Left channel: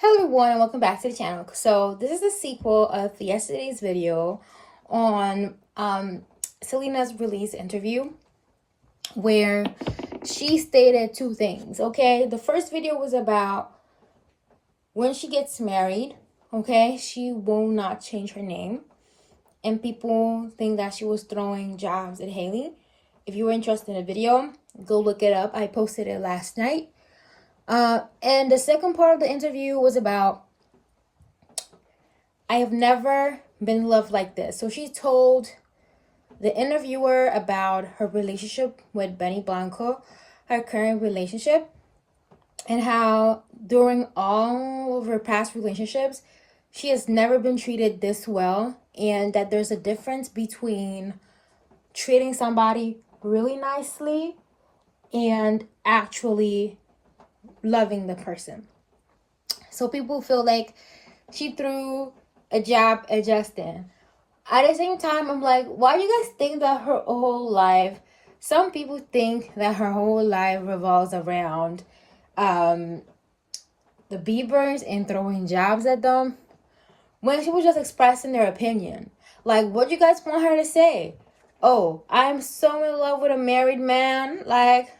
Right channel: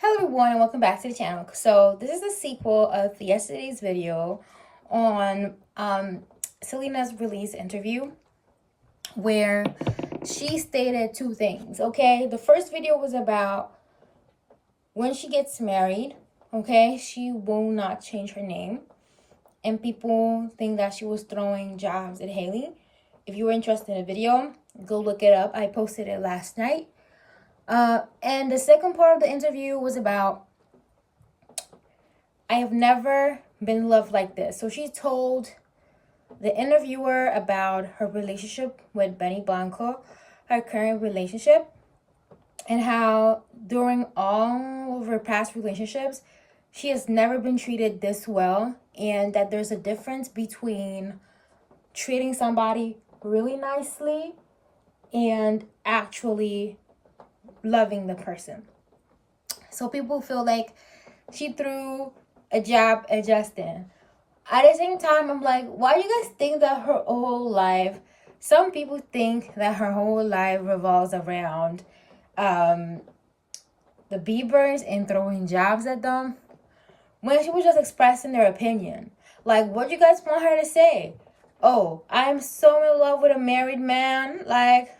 Hello everyone and welcome back to the channel. So this is the sequel of yesterday's video on Selena's release interview where she stated two things. Okay, the first video was about when she gets married, okay, she will not change her name, and people think that she was throwing jabs at Haley. If you were interested in the video, go look it up. I posted it last night. And the second part of the interview was about, I have never been in love like this. So she told the interviewer about her relationship with Benny Blanco, her current relationship, and how during all of her past relationships, she has never been treated this well, and that there's a difference between treating somebody really nicely and actually loving the person. So people feel like she threw a jab at Justin. At the same time, I'm like, why do you guys think that her whole life, some people think that her whole life revolves around the Biebers and throwing jabs at them, when she was just expressing their opinion? Like, what do you guys want her to say? Oh, I'm so in love with a married man. Like,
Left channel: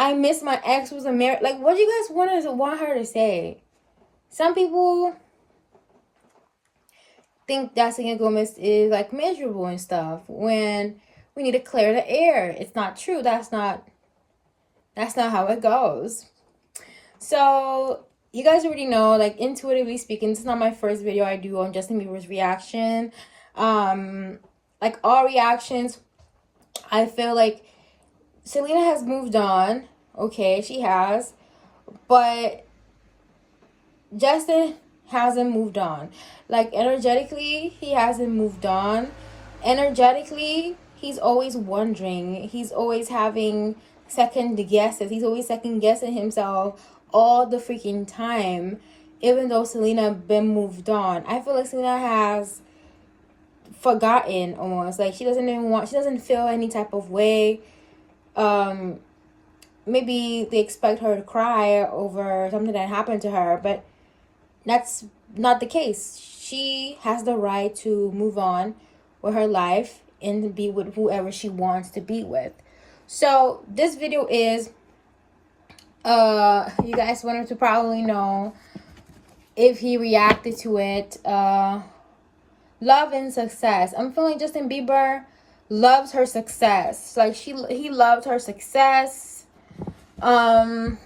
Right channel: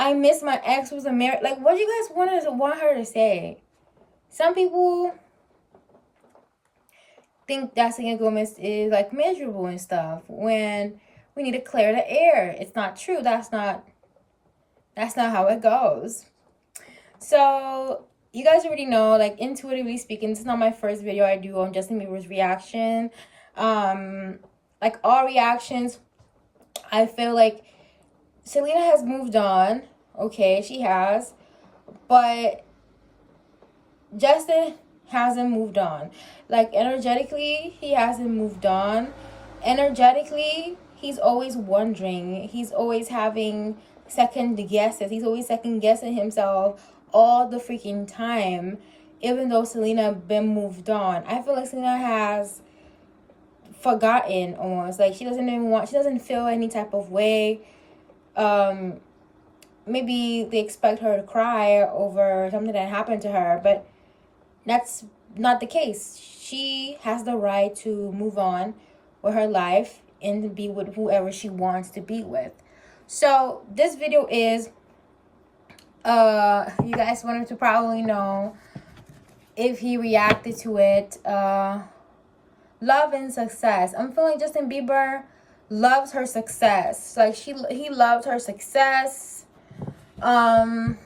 I miss my ex was a married. Like, what do you guys want her to say? Some people think that Selena Gomez is like miserable and stuff when we need to clear the air. It's not true. That's not how it goes. So you guys already know, like, intuitively speaking, this is not my first video I do on Justin Bieber's reaction. Like all reactions, I feel like Selena has moved on. Okay, she has, but Justin hasn't moved on. Like, energetically, he hasn't moved on. Energetically, he's always wondering. He's always having second guesses. He's always second guessing himself all the freaking time, even though Selena been moved on. I feel like Selena has forgotten almost. Like, she doesn't feel any type of way. Maybe they expect her to cry over something that happened to her, but that's not the case. She has the right to move on with her life and be with whoever she wants to be with. So this video is, you guys wanted to probably know if he reacted to it. Love and success. I'm feeling Justin Bieber loves her success. Like, he loved her success. And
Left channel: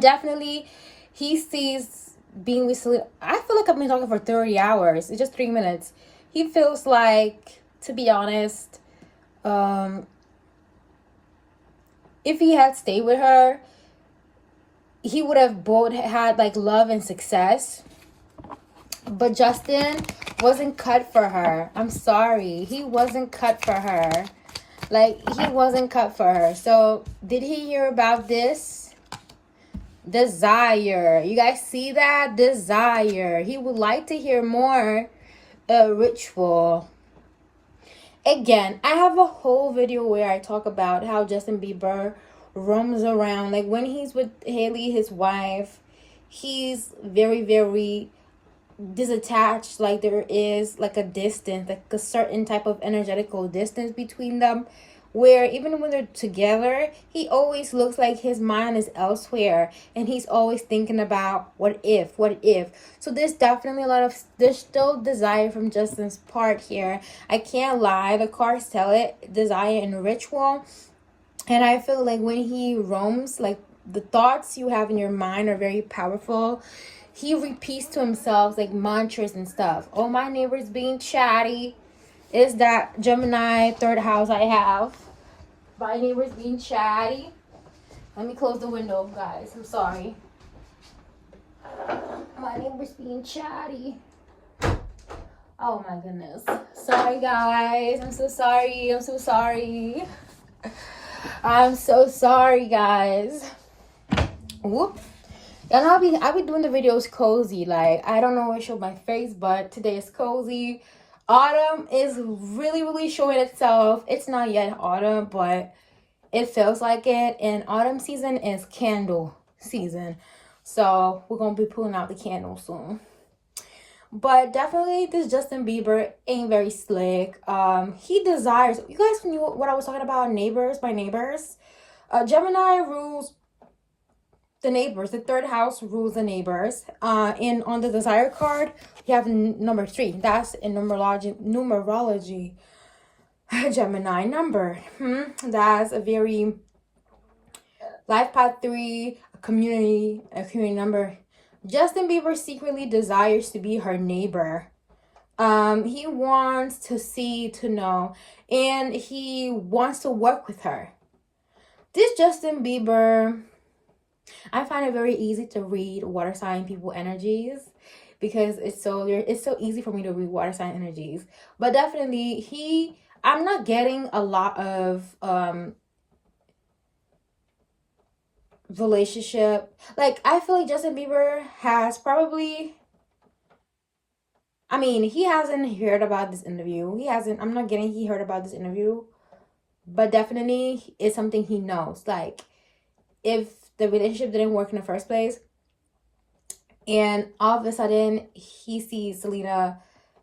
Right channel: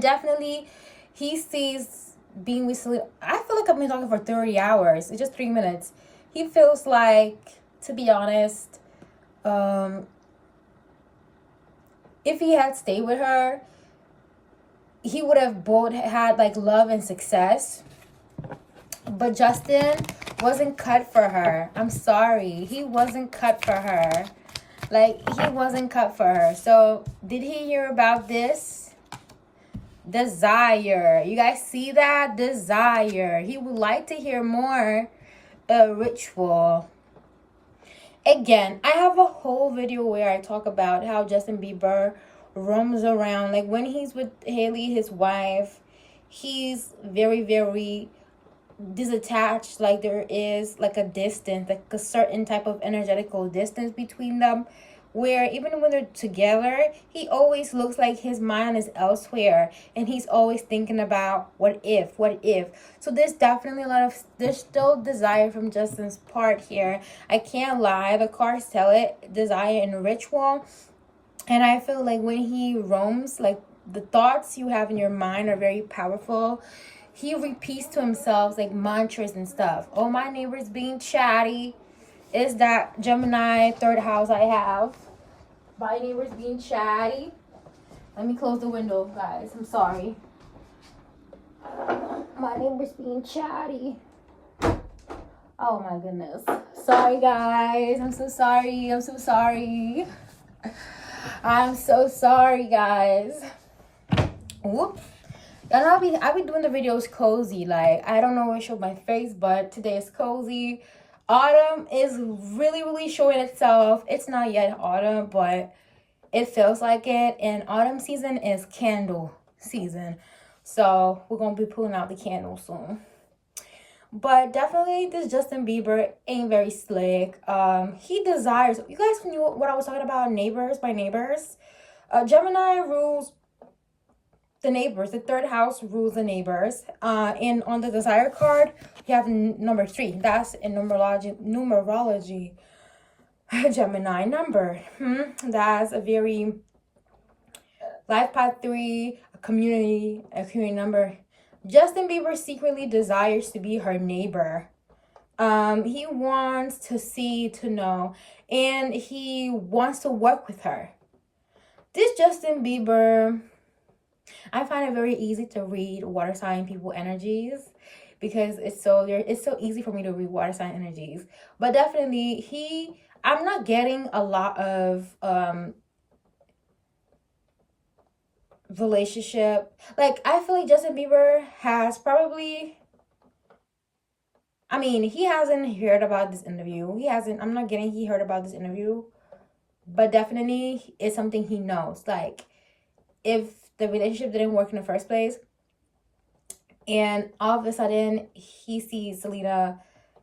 definitely he sees being with Selena. I feel like I've been talking for 30 hours. It's just 3 minutes. He feels like, to be honest, if he had stayed with her, he would have both had like love and success. But Justin wasn't cut for her. I'm sorry. He wasn't cut for her. Like, he wasn't cut for her. So, did he hear about this? Desire. You guys see that? Desire. He would like to hear more. Ritual. Again, I have a whole video where I talk about how Justin Bieber roams around. Like, when he's with Haley, his wife, he's very, very disattached. Like, there is like a distance, like a certain type of energetical distance between them, where even when they're together, he always looks like his mind is elsewhere and he's always thinking about what if. So there's definitely there's still desire from Justin's part here. I can't lie, the cards tell it, desire and ritual. And I feel like when he roams, like, the thoughts you have in your mind are very powerful. He repeats to himself like mantras and stuff. Oh, my neighbor's being chatty. Is that Gemini third house I have? My neighbor's being chatty. Let me close the window, guys. I'm sorry. My neighbor's being chatty. Oh my goodness. Sorry, guys. I'm so sorry. I'm so sorry. I'm so sorry, guys. Whoop. And I'll be doing the videos cozy. Like, I don't know if I show my face, but today is cozy. Autumn is really, really showing itself. It's not yet autumn, but it feels like it. And autumn season is candle season. So we're gonna be pulling out the candle soon. But definitely this Justin Bieber ain't very slick. He desires, you guys knew what I was talking about, neighbors by neighbors. Gemini rules the neighbors. The third house rules the neighbors. And on the desire card, you have number 3. That's in numerology Gemini number. That's a very life path 3, a community number. Justin Bieber secretly desires to be her neighbor. He wants to see, to know, and he wants to work with her. This Justin Bieber, I find it very easy to read water sign people energies because it's so easy for me to read water sign energies. But definitely I'm not getting a lot of relationship. Like, I feel like Justin Bieber has probably, I mean, he hasn't heard about this interview. I'm not getting he heard about this interview. But definitely it's something he knows. Like, if the relationship didn't work in the first place, and all of a sudden he sees Selena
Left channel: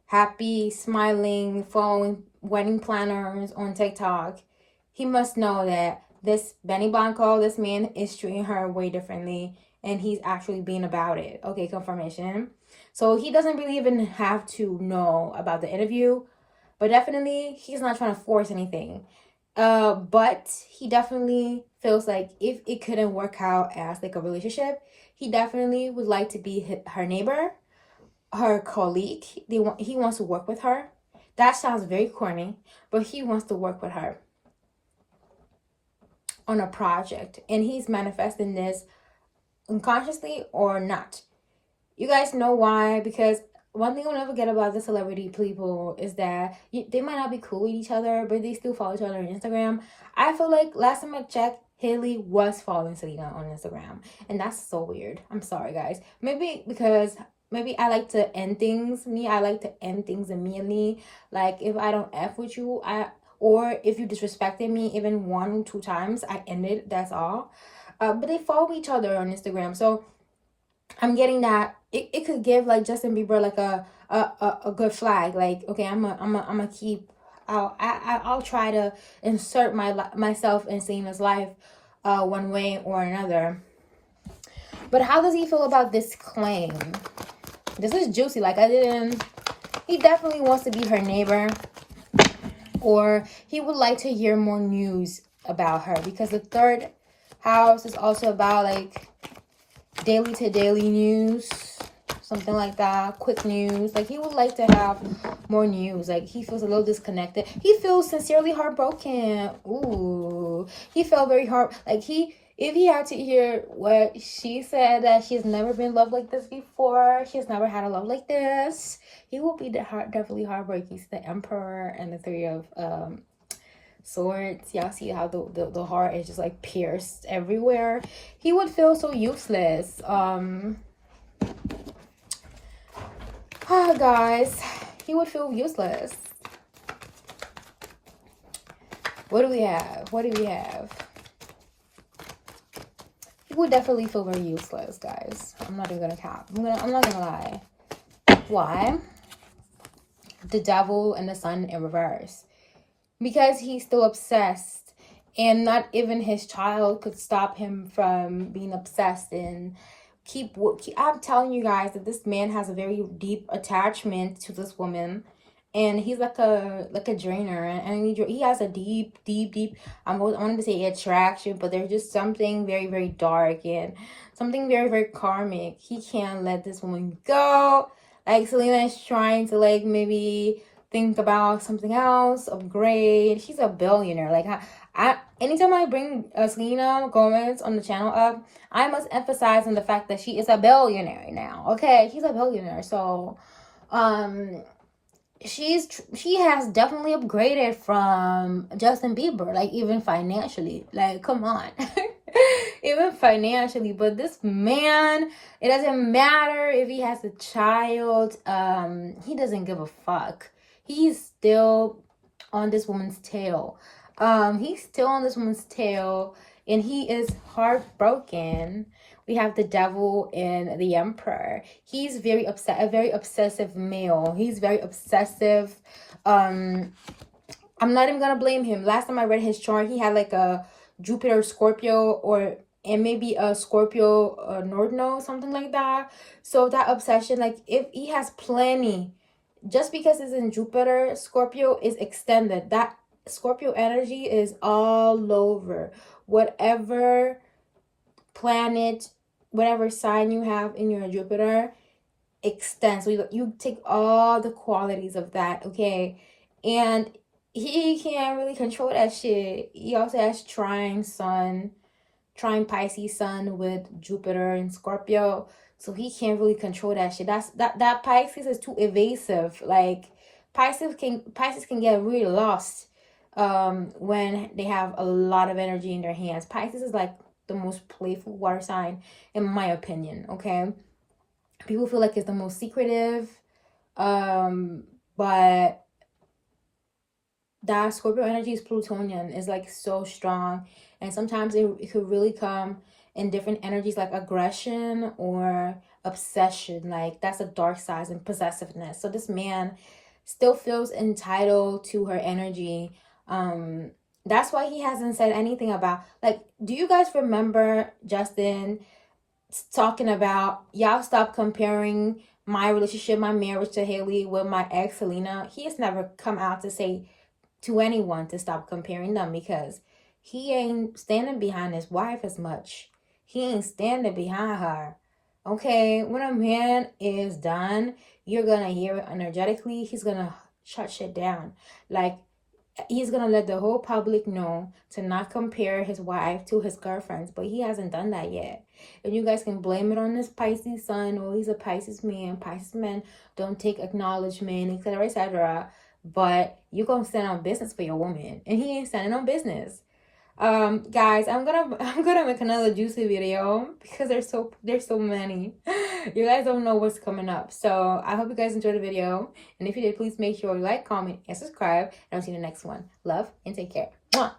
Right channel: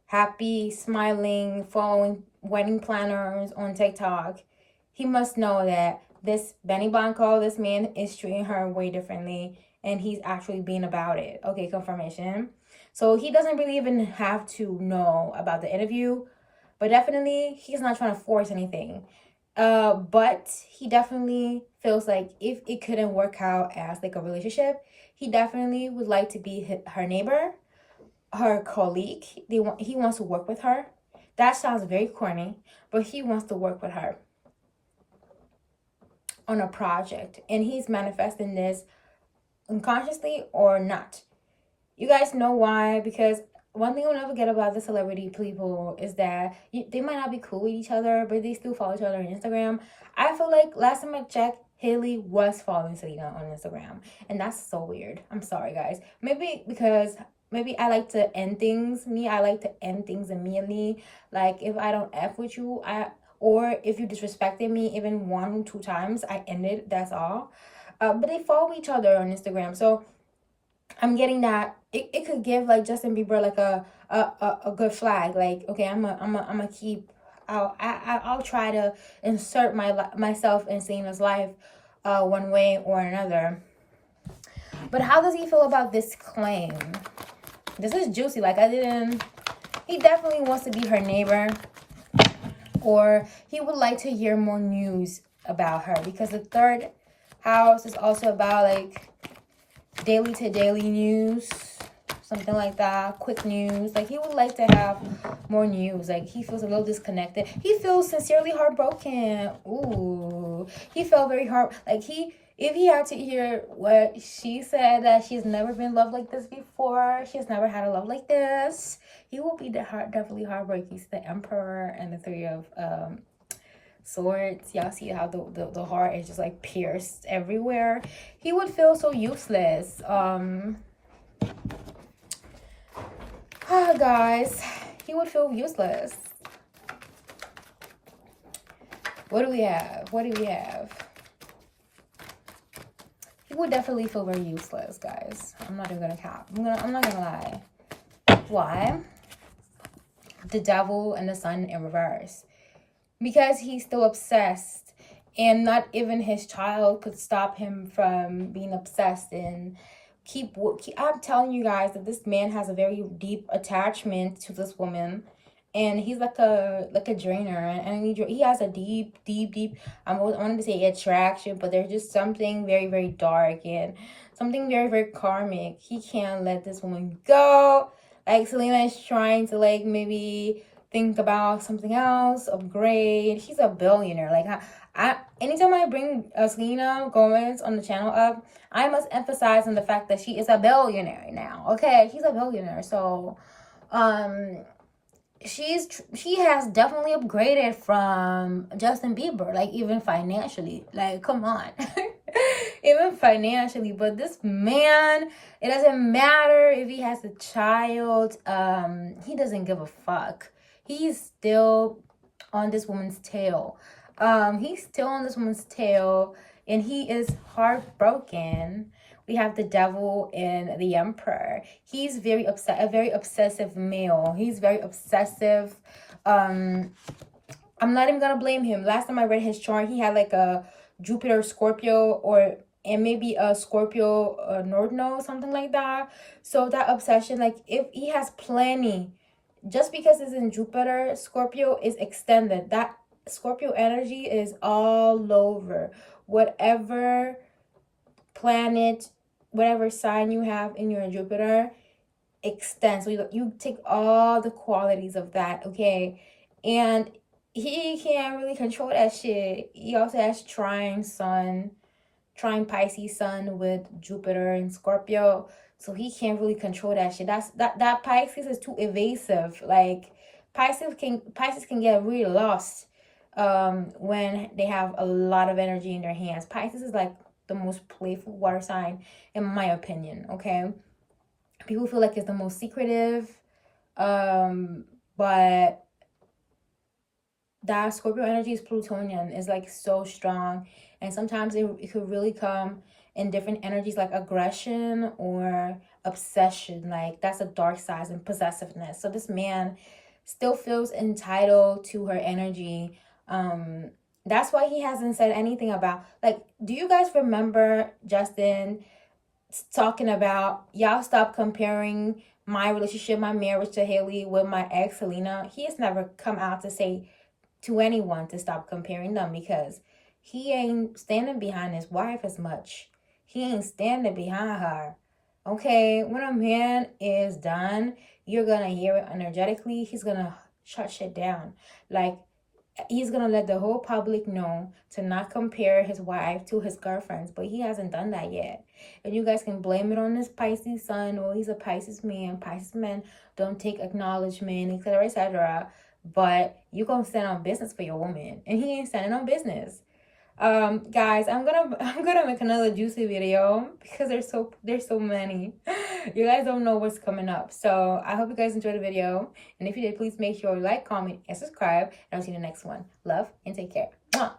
happy, smiling, following wedding planners on TikTok, he must know that this Benny Blanco, this man, is treating her way differently, and he's actually being about it. Okay, confirmation. So he doesn't really even have to know about the interview, but definitely he's not trying to force anything. But he definitely feels like if it couldn't work out as like a relationship, he definitely would like to be her neighbor, her colleague. He wants to work with her. That sounds very corny, but he wants to work with her on a project, and he's manifesting this unconsciously or not. You guys know why? Because one thing I'll never get about the celebrity people is that they might not be cool with each other, but they still follow each other on Instagram. I feel like last time I checked, Haley was following Selena on Instagram, and that's so weird. I'm sorry, guys. Maybe because I like to end things. I like to end things immediately. Like, if I don't F with you, or if you disrespected me even 1 or 2 times, I end it. That's all. But they follow each other on Instagram, so I'm getting that it could give like Justin Bieber like a good flag. Like, okay, I'm a keep. I'll try to insert myself in Selena's life, one way or another. But how does he feel about this claim? This is juicy. Like, he definitely wants to be her neighbor, or he would like to hear more news about her, because the third house is also about like daily to daily news, something like that, quick news. Like, he would like to have more news. Like, he feels a little disconnected. He feels sincerely heartbroken. Ooh, he felt very like if he had to hear what she said, that she's never been loved like this before, she's never had a love like this, he will be definitely heartbroken. He's the Emperor and the 3 of swords. Y'all see how the heart is just like pierced everywhere. He would feel so useless. Oh, guys, he would feel useless. What do we have? He would definitely feel very useless, guys. I'm not even gonna cap. I'm not gonna lie. Why? The Devil and the Sun in reverse. Because he's still obsessed, and not even his child could stop him from being obsessed and keep. I'm telling you guys that this man has a very deep attachment to this woman, and he's like a drainer, and he has a deep. I wanted to say attraction, but there's just something very, very dark and something very, very karmic. He can't let this woman go. Like, Selena is trying to like maybe think about something else, upgrade. She's a billionaire. Like, anytime I bring Selena Gomez on the channel up, I must emphasize on the fact that she is a billionaire now. Okay, she's a billionaire. So, she has definitely upgraded from Justin Bieber, like, even financially. Like, come on. Even financially. But this man, it doesn't matter if he has a child. He doesn't give a fuck. He's still on this woman's tail. And he is heartbroken we have the devil and the emperor. He's very a very obsessive male. He's very obsessive. I'm not even gonna blame him. Last time I read his chart, he had like a Jupiter Scorpio, or and maybe a Scorpio North Node, something like that. So that obsession, like if he has plenty, just because it's in Jupiter, Scorpio is extended. That Scorpio energy is all over. Whatever planet, whatever sign you have in your Jupiter extends. So you take all the qualities of that, okay? And he can't really control that shit. He also has trine Pisces sun with Jupiter and Scorpio. So he can't really control that shit. That Pisces is too evasive. Like Pisces can get really lost when they have a lot of energy in their hands. Pisces is like the most playful water sign, in my opinion, okay? People feel like it's the most secretive, but that Scorpio energy is Plutonian. It's like so strong, and sometimes it could really come in different energies, like aggression or obsession. Like that's a dark side and possessiveness. So this man still feels entitled to her energy. That's why he hasn't said anything about, like, do you guys remember Justin talking about, y'all stop comparing my relationship, my marriage to Haley with my ex Selena? He has never come out to say to anyone to stop comparing them, because he ain't standing behind his wife as much. He ain't standing behind her. Okay, when a man is done, you're gonna hear it energetically. He's gonna shut shit down. Like, he's gonna let the whole public know to not compare his wife to his girlfriends, but he hasn't done that yet. And you guys can blame it on this Pisces sun, or he's a Pisces man. Pisces men don't take acknowledgement, etc., etc. But you gonna stand on business for your woman, and he ain't standing on business. Guys, I'm gonna make another juicy video because there's so many. You guys don't know what's coming up. So I hope you guys enjoyed the video, and if you did, please make sure you like, comment, and subscribe, and I'll see you in the next one. Love and take care. Mwah.